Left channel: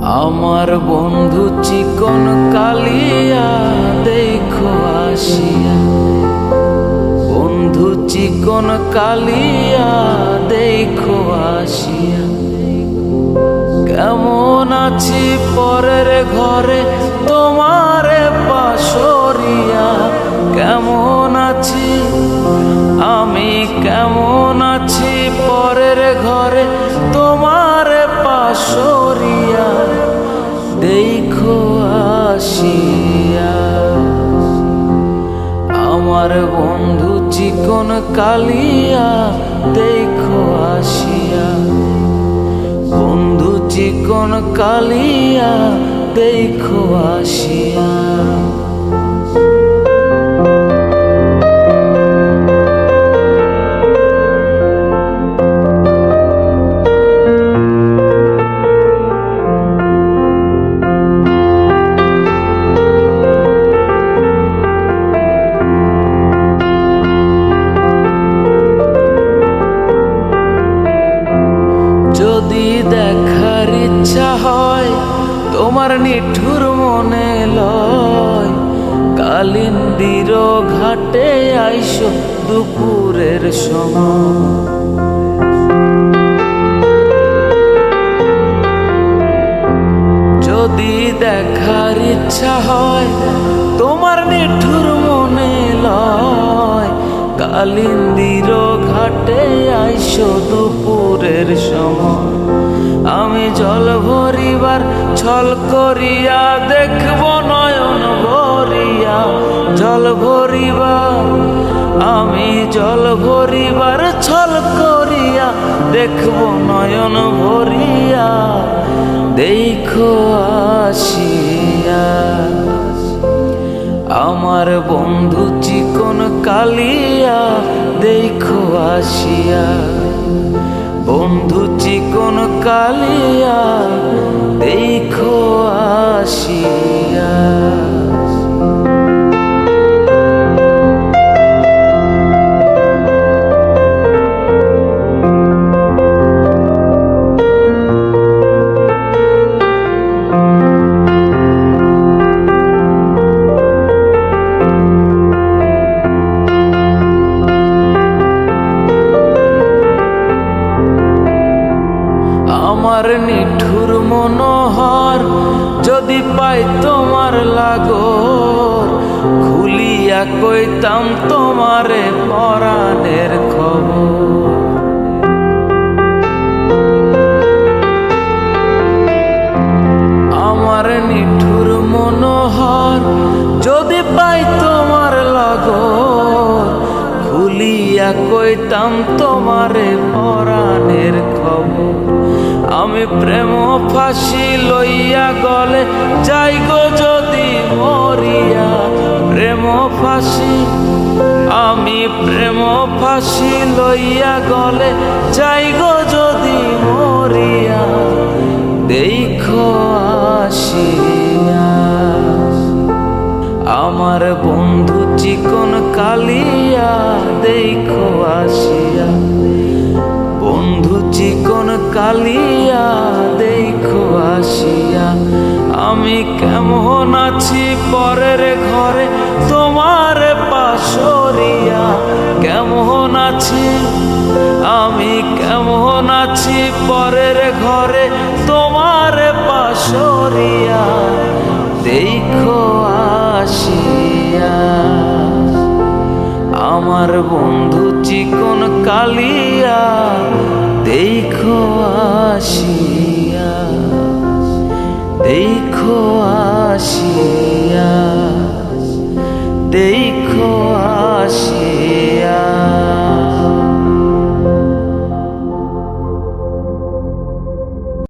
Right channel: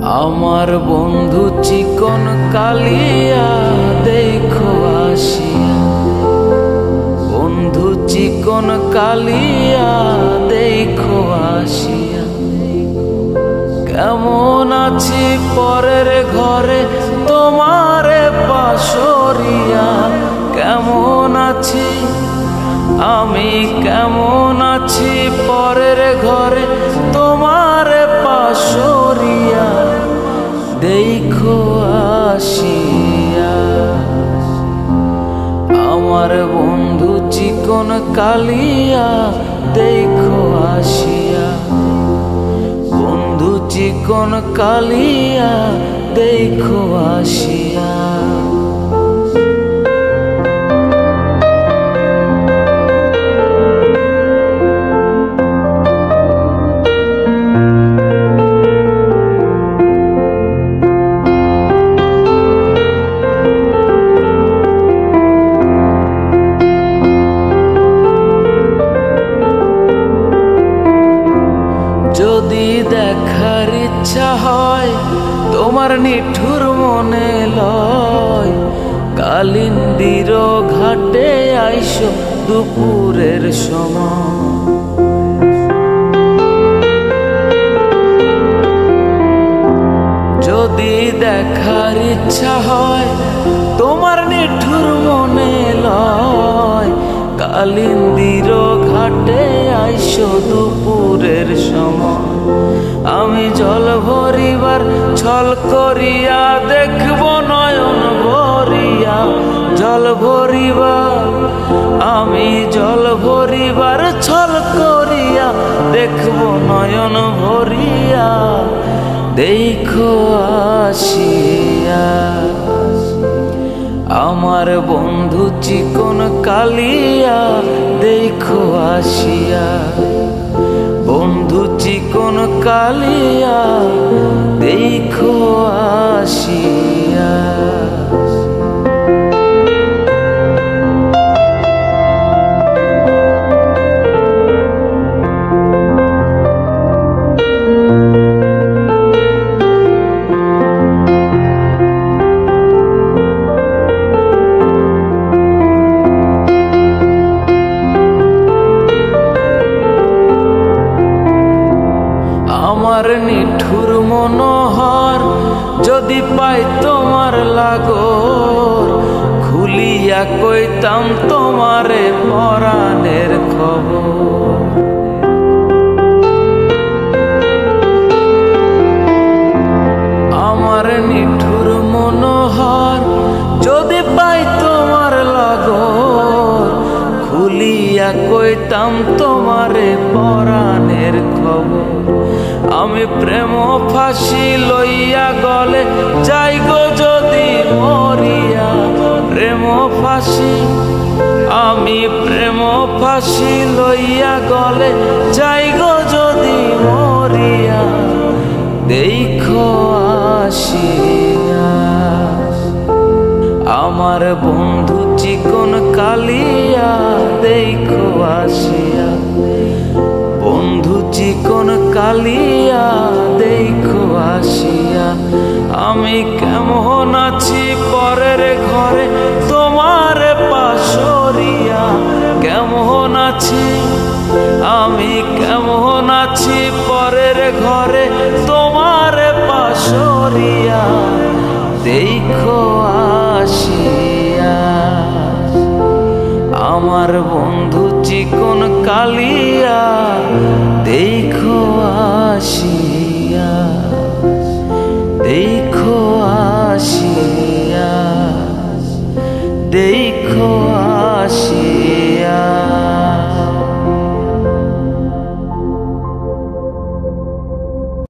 আমার বন্ধু চিকন কালিয়া দেখো আসিয়া, বন্ধু চিকন কালিয়া দেখো আসিয়া। কেমন আছি পরের ঘরে তোমারে পাশরিয়া, কেমন আছি আমি, কেমন আছি পরের ঘরে তোমারে পাশরিয়া দেখো আসিয়া। আমার বন্ধু চিকন কালিয়া দেখো আসিয়া, বন্ধু চিকন কালিয়া দেখো আসিয়া। যদি দেখার ইচ্ছা হয় তোমার নিঠুর মনে লয়, কালিন্দির ঘাটে আইসো দুপুরের সময়। যদি দেখার ইচ্ছা হয় তোমার নিঠুর মনে লয়, কালিন্দির ঘাটে আইসো দুপুরের সময়। আমি জল ভরিবার ছল করিয়া দেখব নয়ন ভরিয়া, জল ভরিবার আমি জল ভরিবার ছল করিয়া দেখব নয়ন ভরিয়া দেখো আসিয়া। আমার বন্ধু চিকন কালিয়া দেখো আসিয়া, বন্ধু চিকন কালিয়া দেখো আসিয়া। আমার নিঠুর মনোহর যদি পাই তোমার লাগর, খুলিয়া কইতাম তোমারে পরাণের খবর। আমার নিঠুর মনোহর যদি পাই তোমার লাগর, খুলিয়া কইতাম তোমারে পরাণের খবর। আমি প্রেম ফাঁসি লইয়া গলে যাই গো যদি মরিয়া, প্রেম ফাঁসি আমি প্রেম ফাঁসি লইয়া গলে যাই গো যদি মরিয়া দেখো আসিয়া। আমার বন্ধু চিকন কালিয়া দেখো আসিয়া, বন্ধু চিকন কালিয়া দেখো আসিয়া। আমি কেমন আছি পরের ঘরে তোমার পাশরিয়া, কেমন আছি আমি, কেমন আছি পরের ঘরে তোমার পাশরিয়া দেখো আসিয়া। আমার বন্ধু চিকন কালিয়া দেখো আসিয়া, দেখো আসিয়া, দেখো আসিয়া।